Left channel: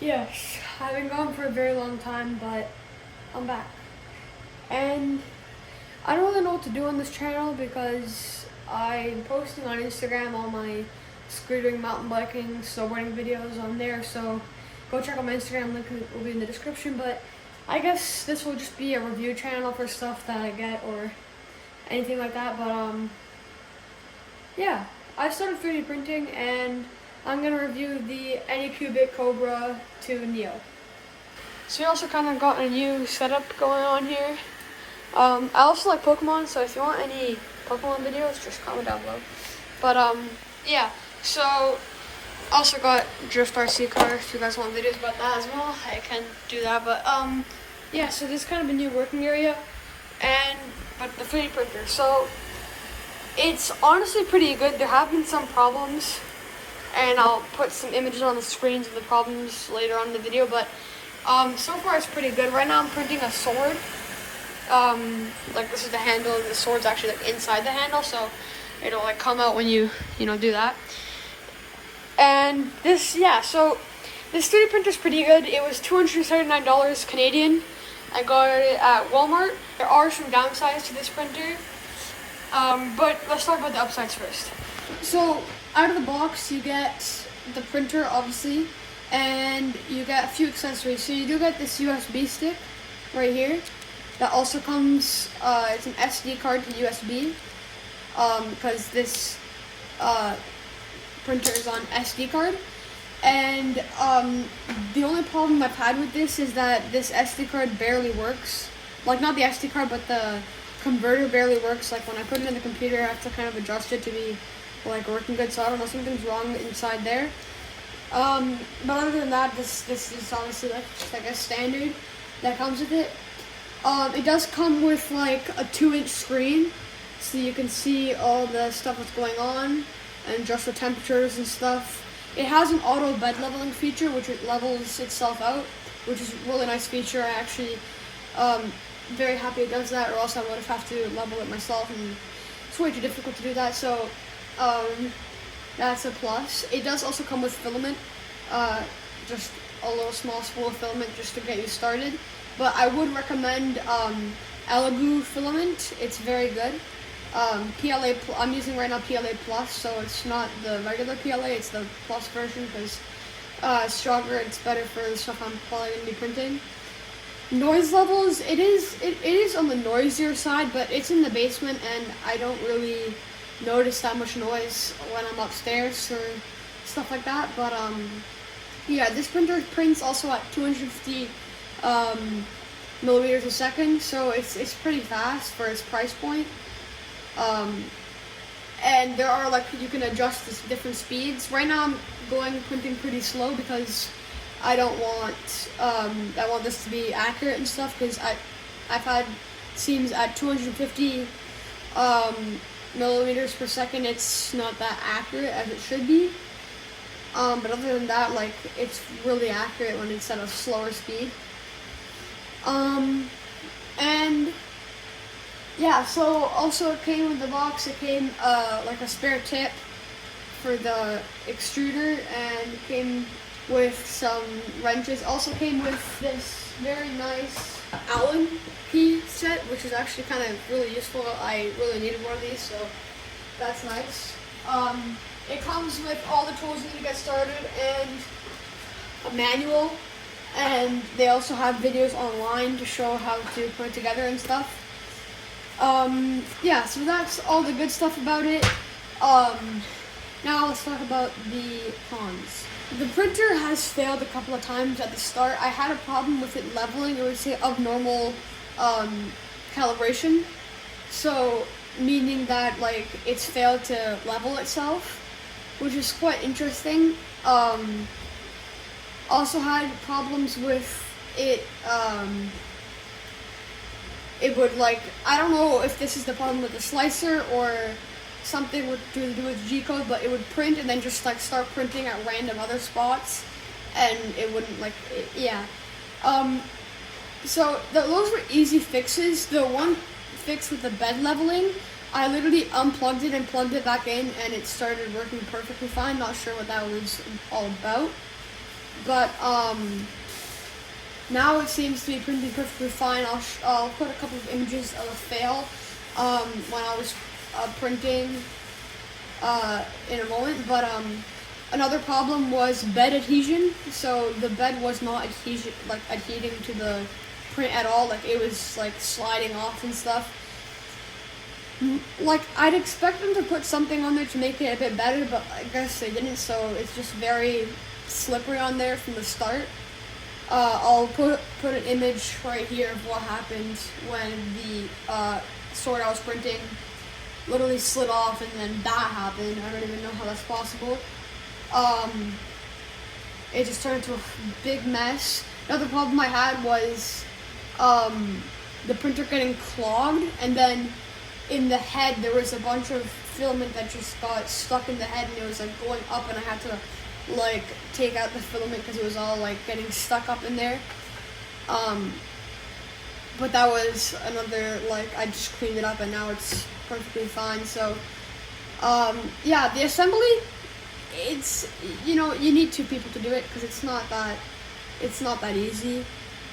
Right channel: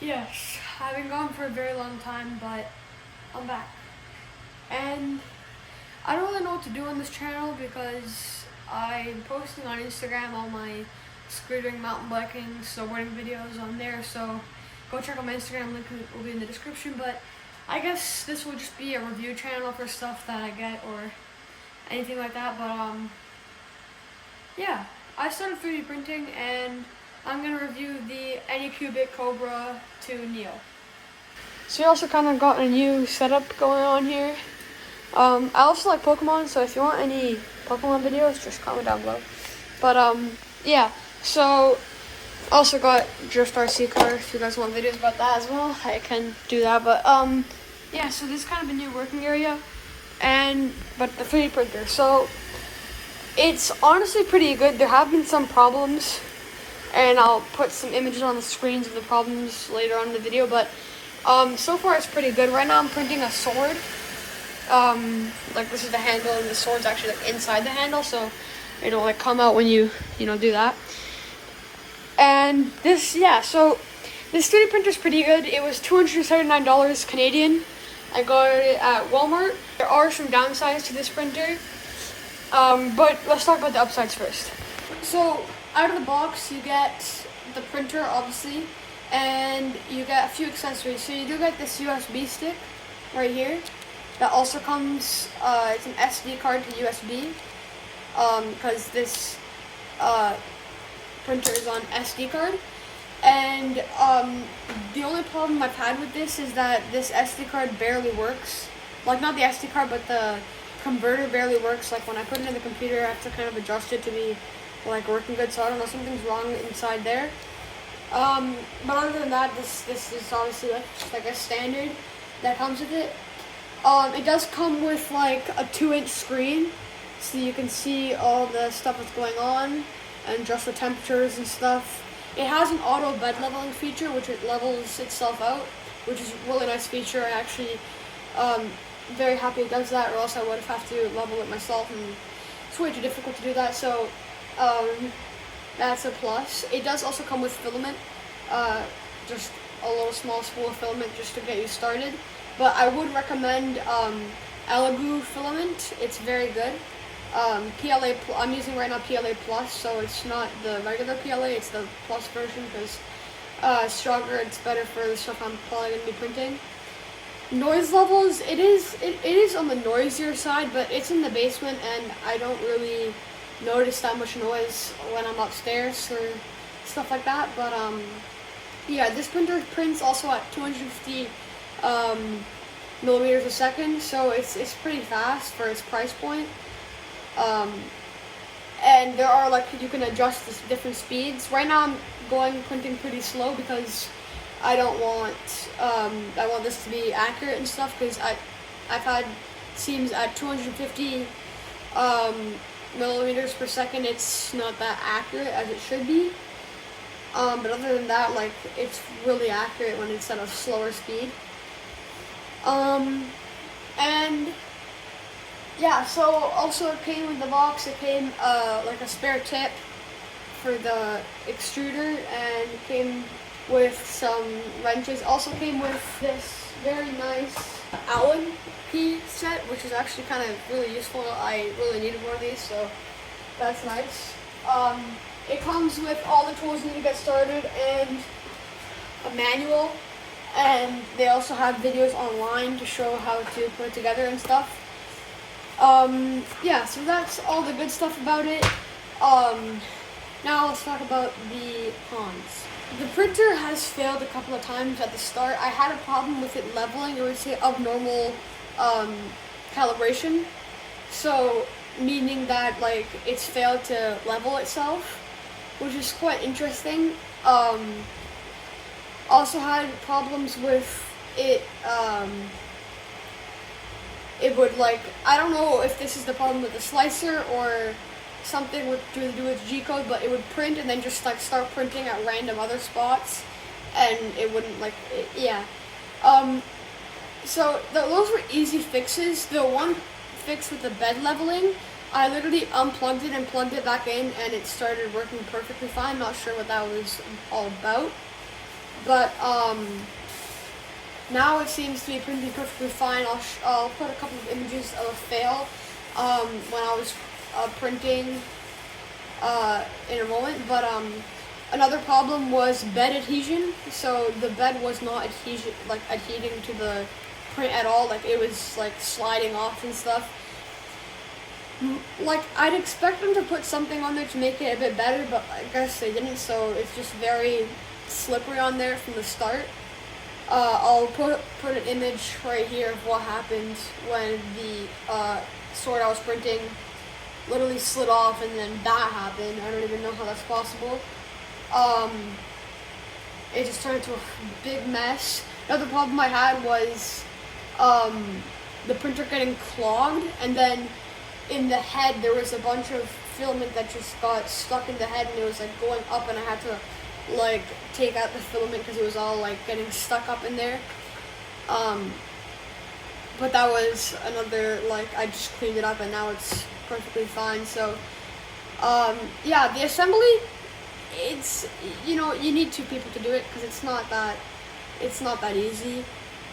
Yes, I've been gone for a very long time, but I'm back. And I don't really know what to do on this channel because I'm posting on Instagram all my scootering, mountain biking, snowboarding videos on there, so go check out my Instagram, link will be in the description. But I guess this will just be a review channel for stuff that I get or anything like that. But yeah, I started 3D printing and I'm gonna review the Anycubic Kobra to Neo. So we also kind of got a new setup going on here. I also like Pokemon, so if you want any Pokemon videos, just comment down below. But yeah, so also got Drift RC car. If you guys want videos about that as well, I can do that. But yeah, so this is kind of a new working area, but the 3D printer. So it's honestly pretty good. There have been some problems, and I'll put some images on the screens of the problems later on in the video. But so far it's pretty good. Right now I'm printing a sword. Like this is the handle, and the sword's actually like inside the handle, so it'll like come out when you do that. And this, yeah, so this 3D printer is pretty good. It was $279 Canadian. I got it at Walmart. There are some downsides to this printer, but let's talk about the upsides first. So out of the box, you get the printer, obviously, and you get a few accessories. So you do get this USB stick right here. That also comes, it's an SD card to USB, because this printer is on SD card. And the only problem I've had with this is that this SD card barely works. Like, not the SD card, but the converter barely works. Like, when I put it in the computer, I have to kind of adjust it to be like working good. So I don't know, something's wrong inside there. But other than that, this is obviously like a standard that comes with it. It does come with like a 2-inch screen, so you can see all the stuff that's going on and adjust the temperatures and stuff. It has an auto bed leveling feature, which it levels itself out, which is a really nice feature. I actually very happy it does that, or else I would have to level it myself, and it's way too difficult to do that. So that's a plus. It does also come with filament, just a little small spool of filament just to get you started. But I would recommend Elegoo filament. It's very good. PLA, I'm using right now PLA Plus, so it's not the regular PLA, it's the Plus version, because it's stronger, it's better for the stuff I'm probably going to be printing. Noise levels, it is on the noisier side, but it's in the basement, and I don't really notice that much noise when I'm upstairs or stuff like that. But yeah, this printer prints also at 250 millimeters a second, so it's pretty fast for its price point. And there are, like, you can adjust the different speeds. Right now I'm printing pretty slow because I don't want I want this to be accurate and stuff, because I've had seems at 250 millimeters per second it's not that accurate as it should be. But other than that, like, it's really accurate when it's at a slower speed. And yeah, so also it came with the box, it came like a spare tip for the extruder, and it came with some wrenches. Also came with this very nice Allen key set, which is actually kind of really useful. I really needed more of these, so that's nice. It comes with all the tools you need to get started and a manual. And they also have videos online to show how to put it together and stuff. Yeah, so that's all the good stuff about it. Now let's talk about the cons. The printer has failed a couple of times at the start. I had a problem with it leveling, or would say abnormal calibration. So, meaning that, like, it's failed to level itself, which is quite interesting. Also had problems with it, it would, like, I don't know if this is the problem with the slicer or something to do with G-code, but it would print and then just, like, start printing at random other spots, and it wouldn't, like, yeah. So those were easy fixes. The one fix with the bed leveling, I literally unplugged it and plugged it back in, and it started working perfectly fine. Not sure what that was all about. but now it seems to be printing perfectly fine. I'll put a couple of images of a fail when I was printing in a moment, but another problem was bed adhesion. So the bed was not adhering to the print at all. Like it was like sliding off and stuff. Like I'd expect them to put something on there to make it a bit better, but I guess they didn't. So it's just very slippery on there from the start. I'll put an image right here of what happened when the sword I was printing literally slid off, and then that happened. I don't even know how that's possible. It just turned into a big mess. Another problem I had was the printer getting clogged, and then in the head there was a bunch of filament that just got stuck in the head, and it was like going up, and I had to like take out the filament because it was all like getting stuck up in there. But that was another, like, I just cleaned it up and now it's perfectly fine. So yeah, the assembly, it's, you know, you need 2 people to do it because it's not that easy.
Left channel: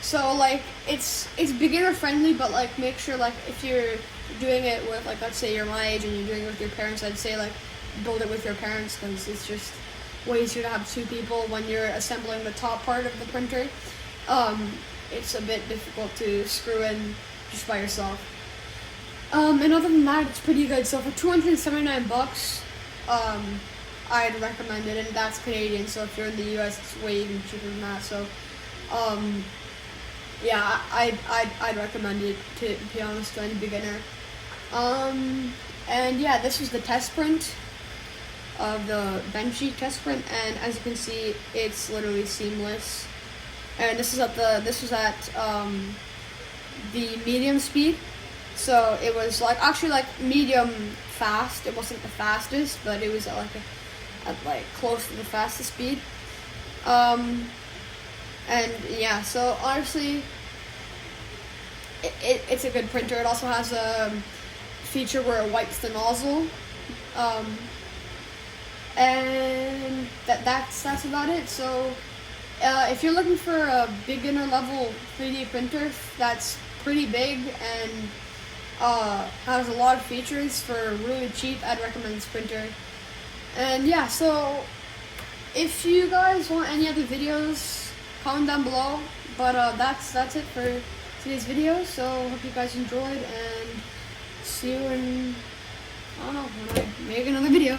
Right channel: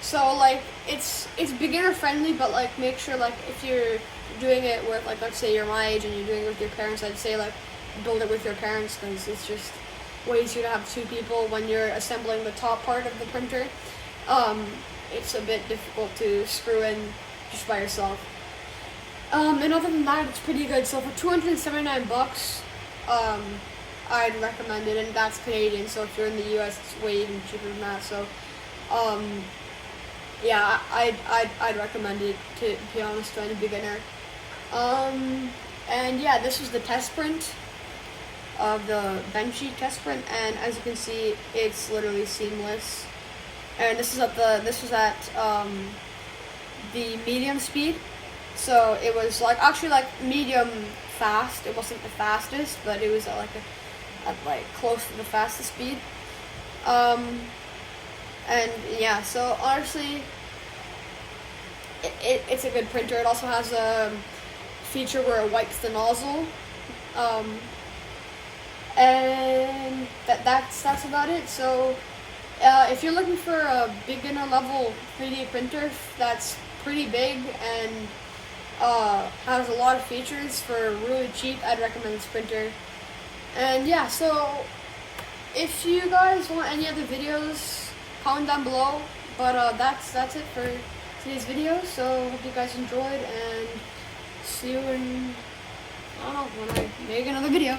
So like it's beginner friendly, but like make sure, like, if you're doing it with, like, let's say you're my age and you're doing it with your parents, I'd say like build it with your parents because it's just way easier to have 2 people when you're assembling the top part of the printer. It's a bit difficult to screw in just by yourself. And other than that, it's pretty good. So for $279, I'd recommend it, and that's Canadian. So if you're in the US, it's way even cheaper than that. So, yeah, I'd recommend it, to be honest, to any beginner. And yeah, this was the test print of the Benchy test print, and as you can see, it's literally seamless. And this was at the medium speed, so it was like actually like medium fast. It wasn't the fastest, but it was at like close to the fastest speed. And yeah, so honestly, it's a good printer. It also has a feature where it wipes the nozzle. And that's about it. So if you're looking for a beginner level 3D printer that's pretty big and has a lot of features for really cheap, I'd recommend this printer. And yeah, so if you guys want any other videos, comment down below. But that's it for today's video. So hope you guys enjoyed, and see you in, I don't know, when I make another video.